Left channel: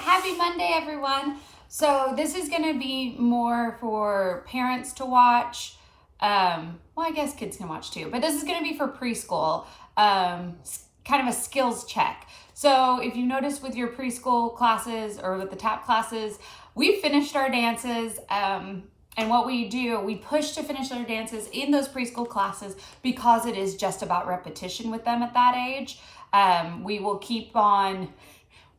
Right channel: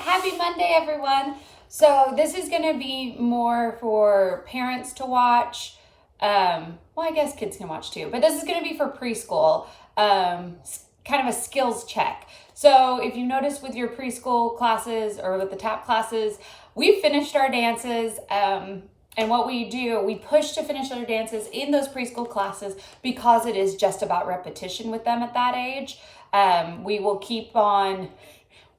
Happy Monday, everyone. So this is going to be more for parents to watch. Well, I guess kids can watch too, but this is going to be for preschool, kind of a skills check. So if you notice with your preschool classes or with the tap classes, we finished our dances. And what we do, we push to finish our dances in those preschool classes because it is just about repetition with them at that age. We will keep on,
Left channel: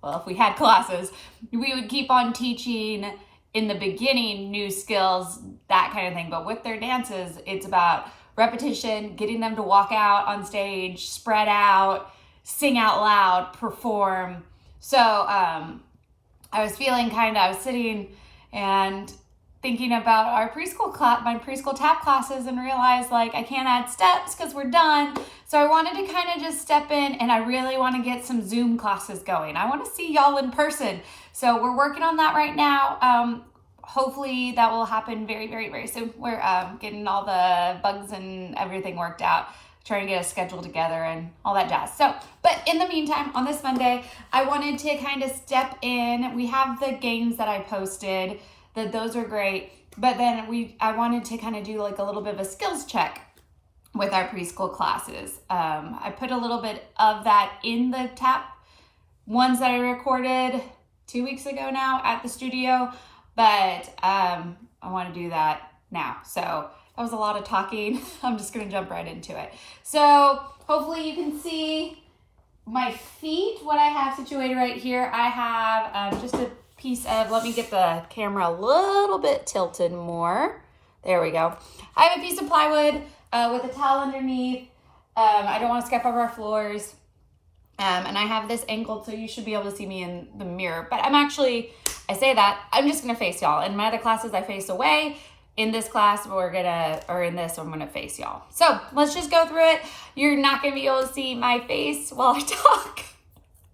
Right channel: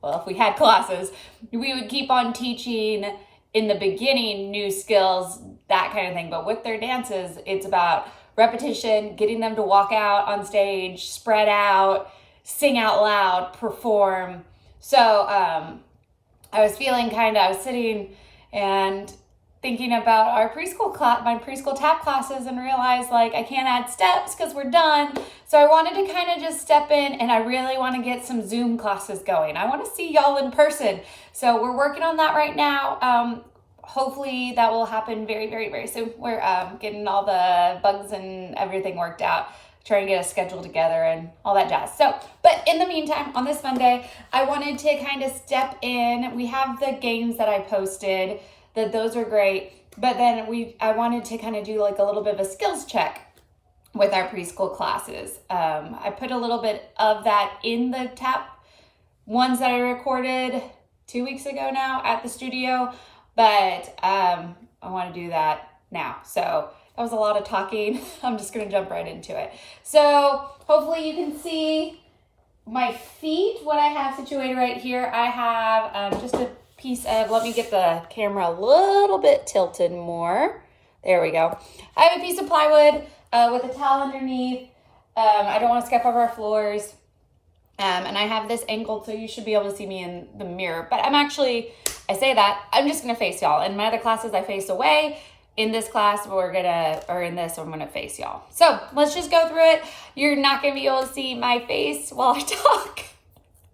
well, if we had classes, we would keep on teaching in the beginning new skills, that kind of thing. But with their dances, it's about repetition, getting them to walk out on stage, spread out, sing out loud, perform. So I was feeling I was sitting and thinking about our preschool class, my preschool tap classes, and realized I can't add steps because we're done. So I wanted to kind of just step in, and I really want to get some Zoom classes going. I want to see y'all in person. So we're working on that right now. Hopefully that will happen very, very, very soon. We're getting all the bugs and everything worked out, trying to get a schedule together and all that jazz. So, but in the meantime, on this Monday, I wanted to kind of step in. We have the games that I posted. Those are great, but then I wanted to kind of do a little bit of a skills check with our preschool classes. I put a little bit of that in the tap ones that I recorded 2 weeks ago now at the studio, but I want to do that now. So that was a lot of talking. I'm just going to jump right into it. So hopefully you can see my feet, what I have situated right here. I have just a piece of, let me get the camera a little bit tilted more. There we go. I have a piece of plywood with a towel underneath. I don't want to skip over our floors. And I have this angled so you should be able to see me in the mirror. But I say that, I'm just going to face y'all. In my other classes, I face away. In this class, I'm going to face y'all. So let's just go through it. You're not going to be able to see my face while I talk,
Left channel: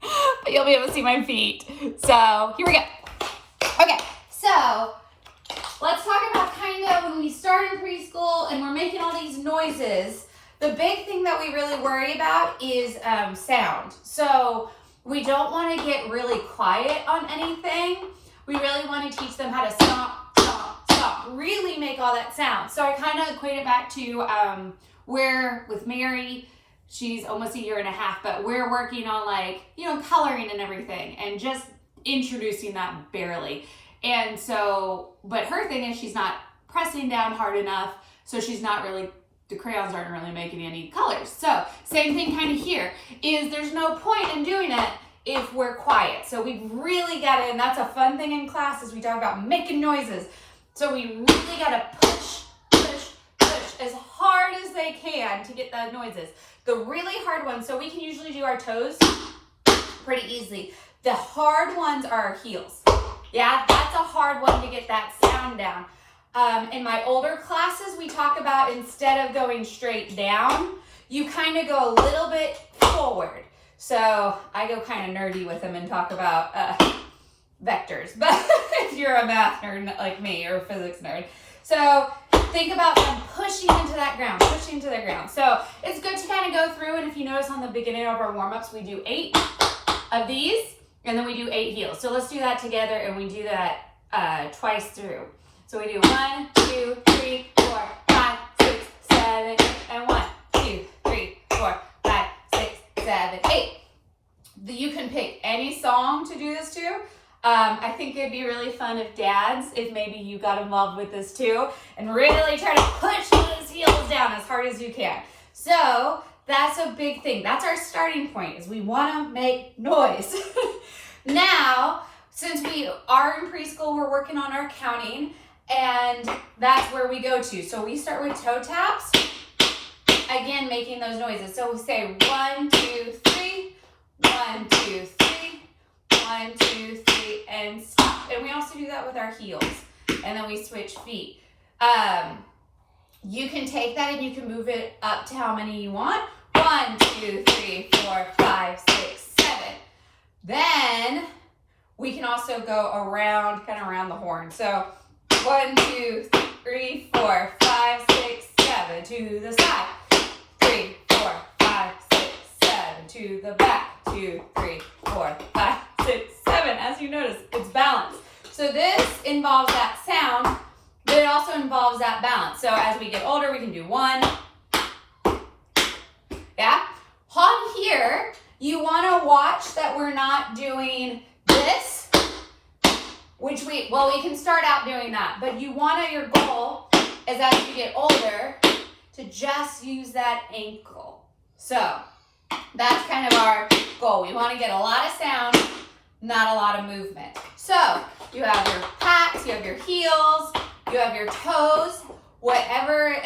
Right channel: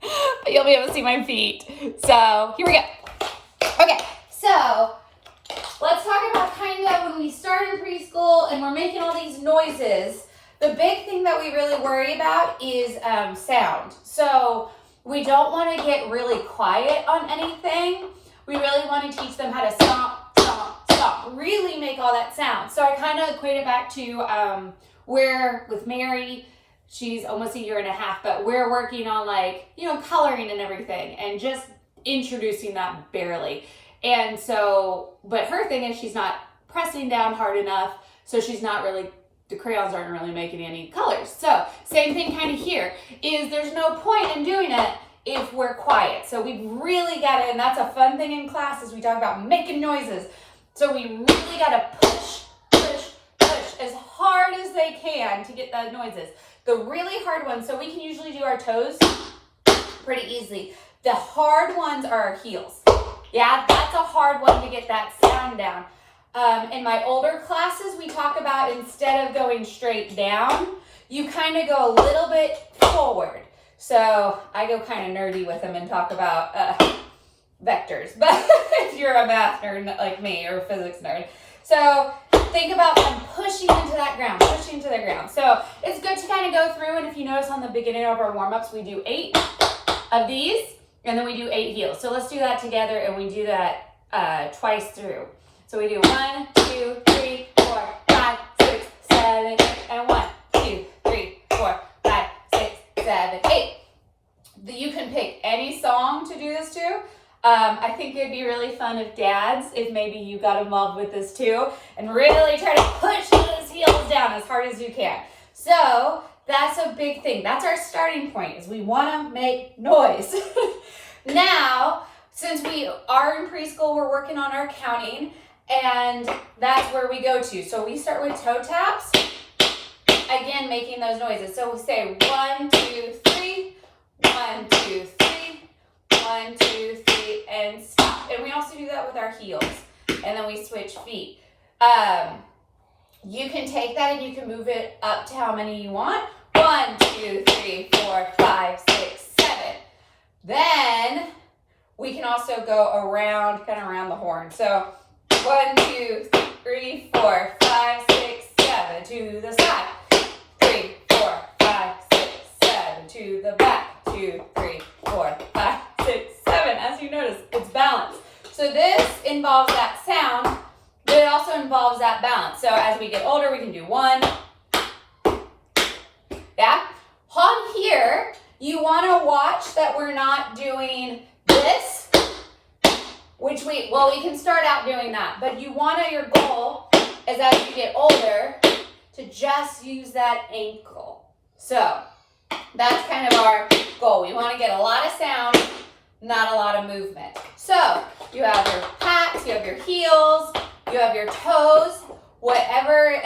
but you'll be able to see my feet. So here we go. Okay, so let's talk about kind of when we start in preschool and we're making all these noises. The big thing that we really worry about is sound. So we don't want to get really quiet on anything. We really want to teach them how to stomp, stomp, stomp, really make all that sound. So I kind of equate it back to where with Mary, she's almost a year and a half, but we're working on coloring and everything and just introducing that barely. And so, but her thing is she's not pressing down hard enough. So she's not really, the crayons aren't really making any colors. So same thing kind of here is there's no point in doing it if we're quiet. So we really got to, and that's a fun thing in classes, we talk about making noises. So we really got to push, push, push as hard as they can to get the noises. The really hard ones, so we can usually do our toes pretty easily. The hard ones are our heels. Yeah, that's a hard one to get that sound down. In my older classes, we talk about instead of going straight down, you kind of go a little bit forward. So I go kind of nerdy with them and talk about vectors. But if you're a math nerd like me or a physics nerd. So think about them pushing into that ground, pushing to the ground. So it's good to kind of go through, and if you notice on the beginning of our warm-ups, we do 8 of these, and then we do 8 heels. So let's do that together, and we do that twice through. So we do 1, 2, 3, 4, 5, 6, 7, 8, and 1, 2, 3, 4, 5, 6, 7, 8. You can pick any song to do this to. I think it'd be really fun if dads, if maybe you got involved with this too, and really try to push those heels down as hard as you can. So that's a big thing. That's our starting point, is we want to make noise. Now, since we are in preschool, we're working on our counting, and that's where we go to. So we start with toe taps, again, making those noises. So we say 1, 2, 3, 1, 2, 3, 1, 2, 3, and stop. And we also do that with our heels. And then we switch feet. You can take that and you can move it up to how many you want. 1, 2, 3, 4, 5, 6, 7. Then we can also go around, kind of around the horn. So 1, 2, 3, 4, 5, 6, 7 to the side. 3, 4, 5, 6, 7 to the back. 2, 3, 4, 5, 6, 7. As you notice, So this involves that sound, but it also involves that balance. So as we get older, we can do 1. Yeah? On here, you want to watch that we're not doing this, which we can start out doing that, but your goal is as you get older to just use that ankle. So that's kind of our goal. We want to get a lot of sound, not a lot of movement. So you have your pats, you have your heels, you have your toes, whatever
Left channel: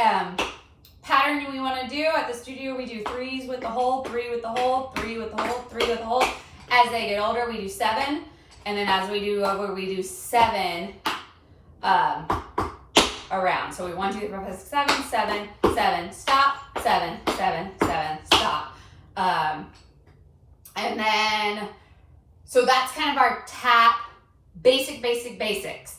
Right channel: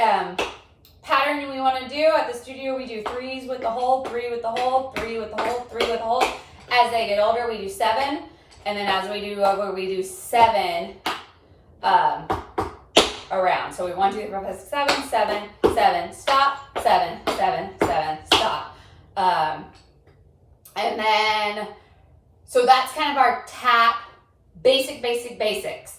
pattern we want to do. At the studio, we do 3s with the hold, 3 with the hold, 3 with the hold, 3 with the hold. As they get older, we do 7. And then as we do over, we do 7 around. So we 1, 2, 3, 4, 5, 6, 7, 7, 7, stop, 7, 7, 7, stop. And then, so that's kind of our tap, basics.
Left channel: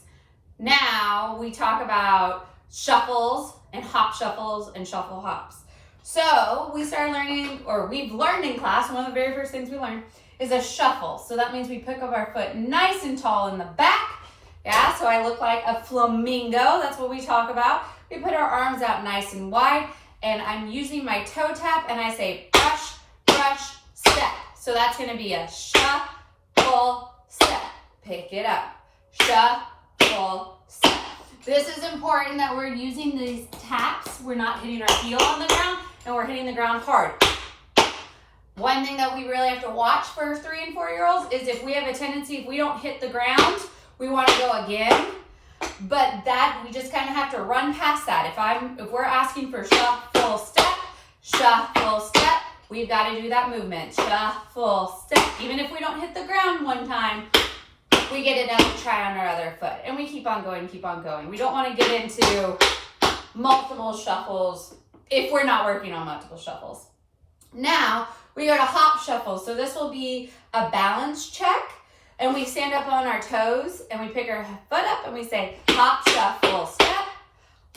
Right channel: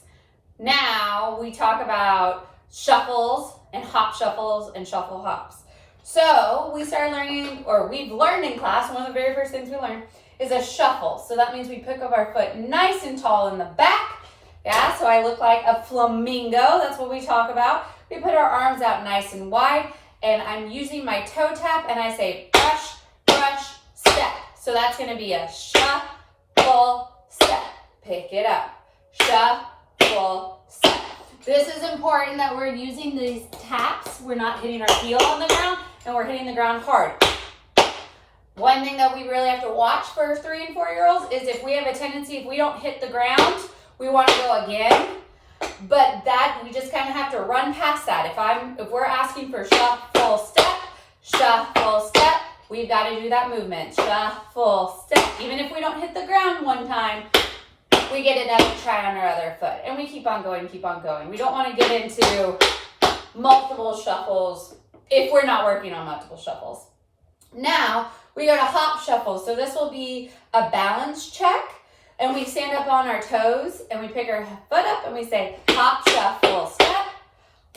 Now we talk about shuffles and hop shuffles and shuffle hops. So we started learning, or we've learned in class, one of the very first things we learned is a shuffle. So that means we pick up our foot nice and tall in the back. Yeah, so I look like a flamingo. That's what we talk about. We put our arms out nice and wide, and I'm using my toe tap, and I say brush, brush, step. So that's going to be a shuffle, step. Pick it up. Shuffle, step. This is important that we're using these taps. We're not hitting our heel on the ground, and we're hitting the ground hard. One thing that we really have to watch for 3 and 4-year-olds is if we have a tendency, if we don't hit the ground, we want to go again. But that, we just kind of have to run past that. If we're asking for shuffle, step, we've got to do that movement. Shuffle, step. Even if we don't hit the ground one time, we get another try on our other foot. And we keep on going. We don't want to get into multiple shuffles if we're not working on multiple shuffles. Now, we go to hop shuffle. So this will be a balance check. And we stand up on our toes and we pick our foot up and we say hop, shuffle, step,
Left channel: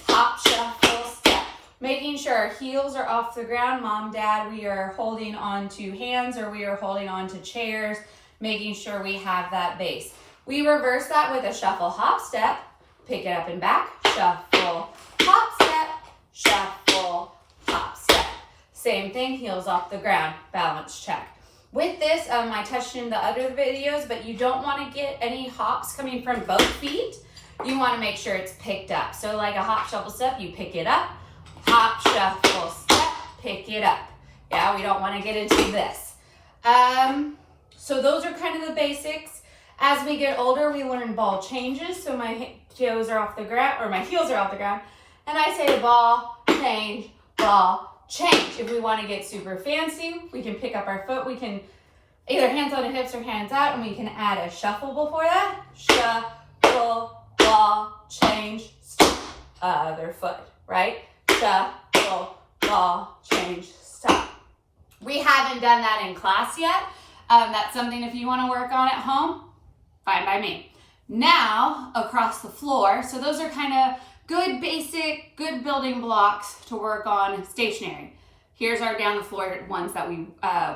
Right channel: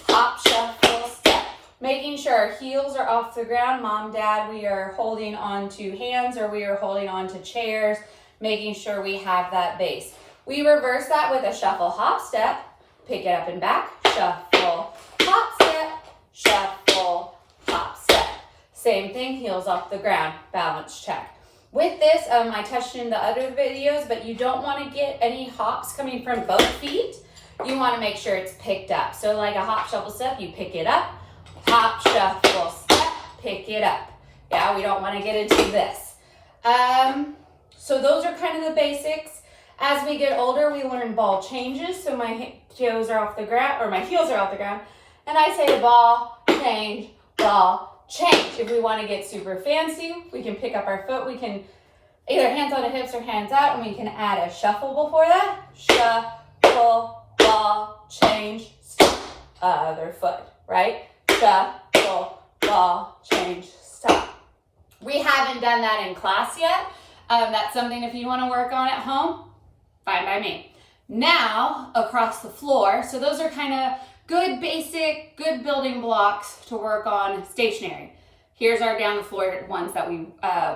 hop, shuffle, step. Making sure our heels are off the ground. Mom, Dad, we are holding on to hands or we are holding on to chairs, making sure we have that base. We reverse that with a shuffle, hop, step, pick it up and back, shuffle, hop, step, shuffle, hop, step. Same thing, heels off the ground, balance check. With this, I touched in the other videos, but you don't want to get any hops coming from both feet. You want to make sure it's picked up. So like a hop, shuffle, step, you pick it up. Hop, shuffle, step, pick it up. Yeah, we don't want to get into this. So those are kind of the basics. As we get older, we learn ball changes. So my toes are off the ground, or my heels are off the ground. And I say the ball, change, ball, change. If we want to get super fancy, we can pick up our foot. We can either hands on the hips or hands out, and we can add a shuffle before that. Shuffle, ball, change, stop. Other foot, right? Shuffle, ball, change, stop. We haven't done that in class yet. That's something if you want to work on at home, fine by me. Now, across the floor. So those are kind of good basic, good building blocks to work on stationary. Here's our down the floor ones that we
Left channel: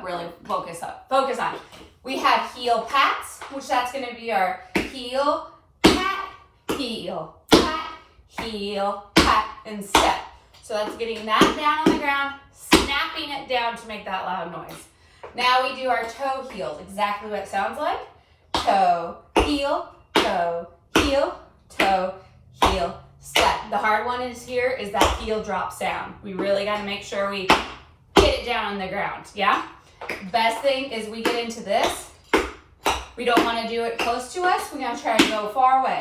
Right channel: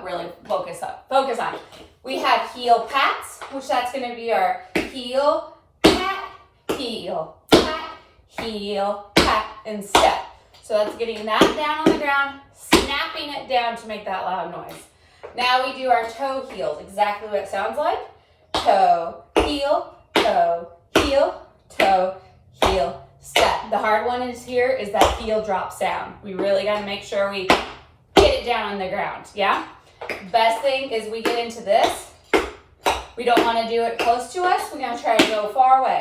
really focus on. We have heel pats, which that's going to be our heel, pat, heel, pat, heel, pat, and step. So that's getting that down on the ground, snapping it down to make that loud noise. Now we do our toe heels, exactly what it sounds like. Toe, heel, toe, heel, toe, heel, step. The hard one is that heel drops down. We really got to make sure we get it down on the ground, yeah? Best thing is we get into this. We don't want to do it close to us. We're going to try to go far away.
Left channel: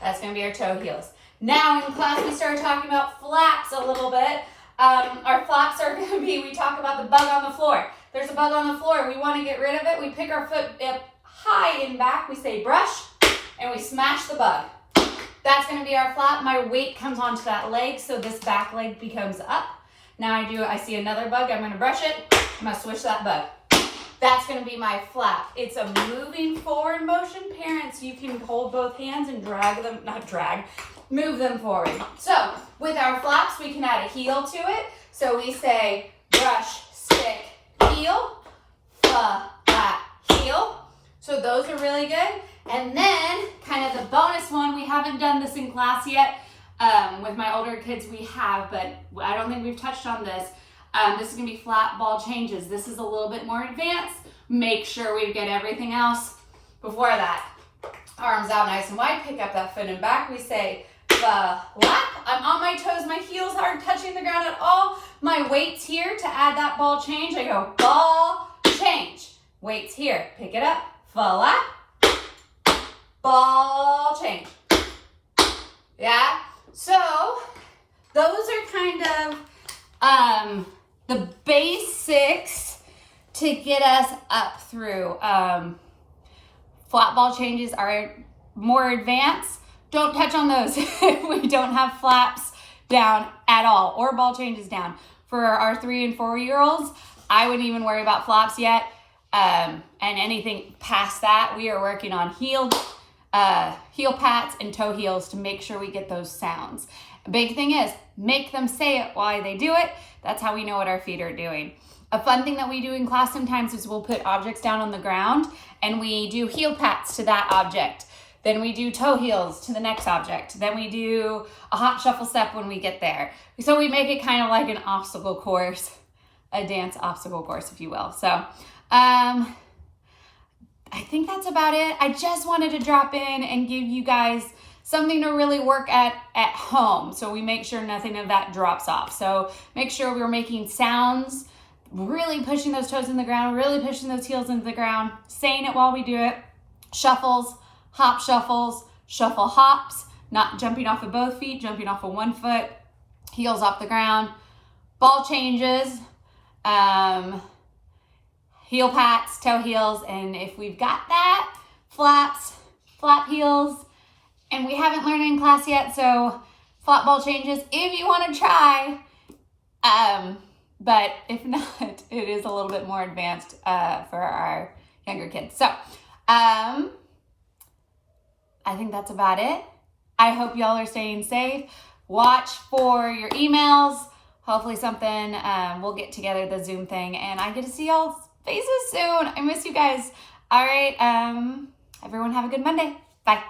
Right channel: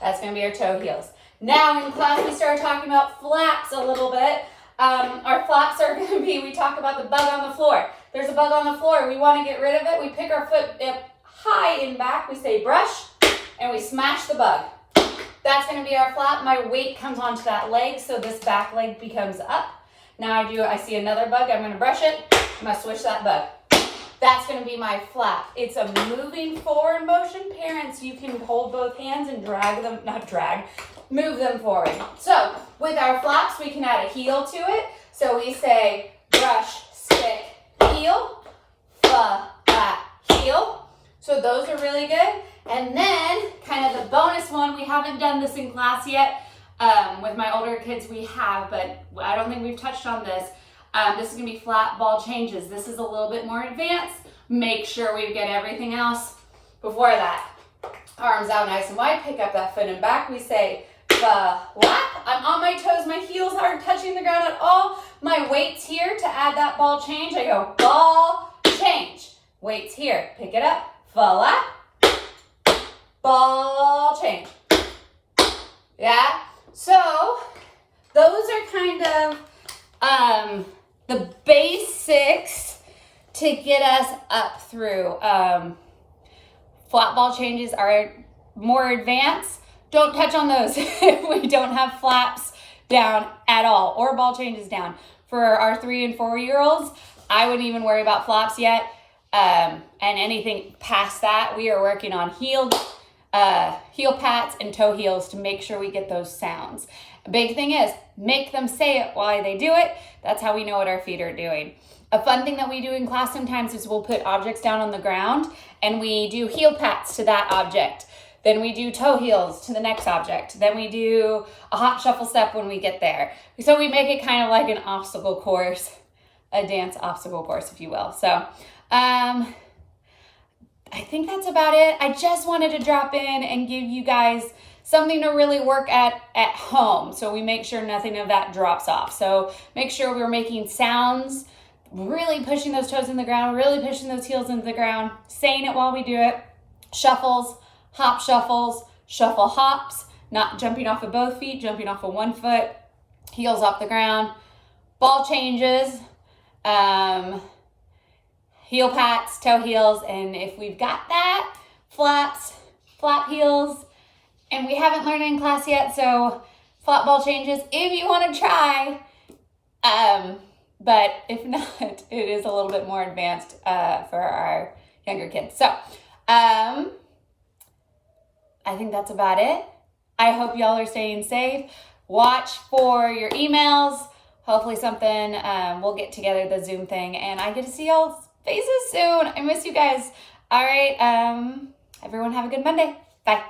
That's going to be our toe heels. Now in class we started talking about flaps a little bit. Our flaps are going to be, we talk about the bug on the floor. There's a bug on the floor. We want to get rid of it. We pick our foot up high and back. We say brush, and we smash the bug. That's going to be our flap. My weight comes onto that leg, so this back leg becomes up. Now I see another bug. I'm going to brush it. I'm going to switch that bug. That's going to be my flap. It's a moving forward motion. Parents, you can hold both hands and move them forward. So with our flaps, we can add a heel to it. So we say brush, stick, heel, flap, heel. So those are really good. And then kind of the bonus one, we haven't done this in class yet. With my older kids we have, but I don't think we've touched on this. This is gonna be flat ball changes. This is a little bit more advanced. Make sure we get everything else before that. Arms out nice and wide, pick up that foot and back. We say lap. I'm on my toes, my heels aren't touching the ground at all. My weight's here to add that ball change. I go ball change. Weight's here, pick it up, lap, ball change. Yeah, so those are kind of the basics to get us up through. Flat ball changes are more advanced. Don't touch on those if we don't have flaps down at all or ball changes down. For our 3 and 4 year olds, I wouldn't even worry about flaps yet. And anything past that, we are working on heel pats and toe heels to make sure we get those sounds. A big thing is make them say it while they do it. That's how we know what our feet are doing. A fun thing that we do in class sometimes is we'll put objects down on the ground and we do heel pats to that object. Then we do toe heels to the next object. Then we do a hop shuffle step when we get there. So we make it kind of like an obstacle course, a dance obstacle course, if you will. So I think that's about it. I just wanted to drop in and give you guys something to really work at home. So we make sure nothing of that drops off. So make sure we're making sounds, really pushing those toes in the ground, really pushing those heels into the ground, saying it while we do it. Shuffles, hop shuffles, shuffle hops, not jumping off of both feet, jumping off of one foot, heels off the ground, ball changes, heel pats, toe heels, and if we've got that, flaps, flap heels, and we haven't learned in class yet, so flat ball changes if you want to try, but if not, it is a little bit more advanced for our younger kids. So I think that's about it. I hope y'all are staying safe. Watch for your emails. Hopefully something, we'll get together the Zoom thing and I get to see y'all's faces soon. I miss you guys. All right, everyone have a good Monday. Bye.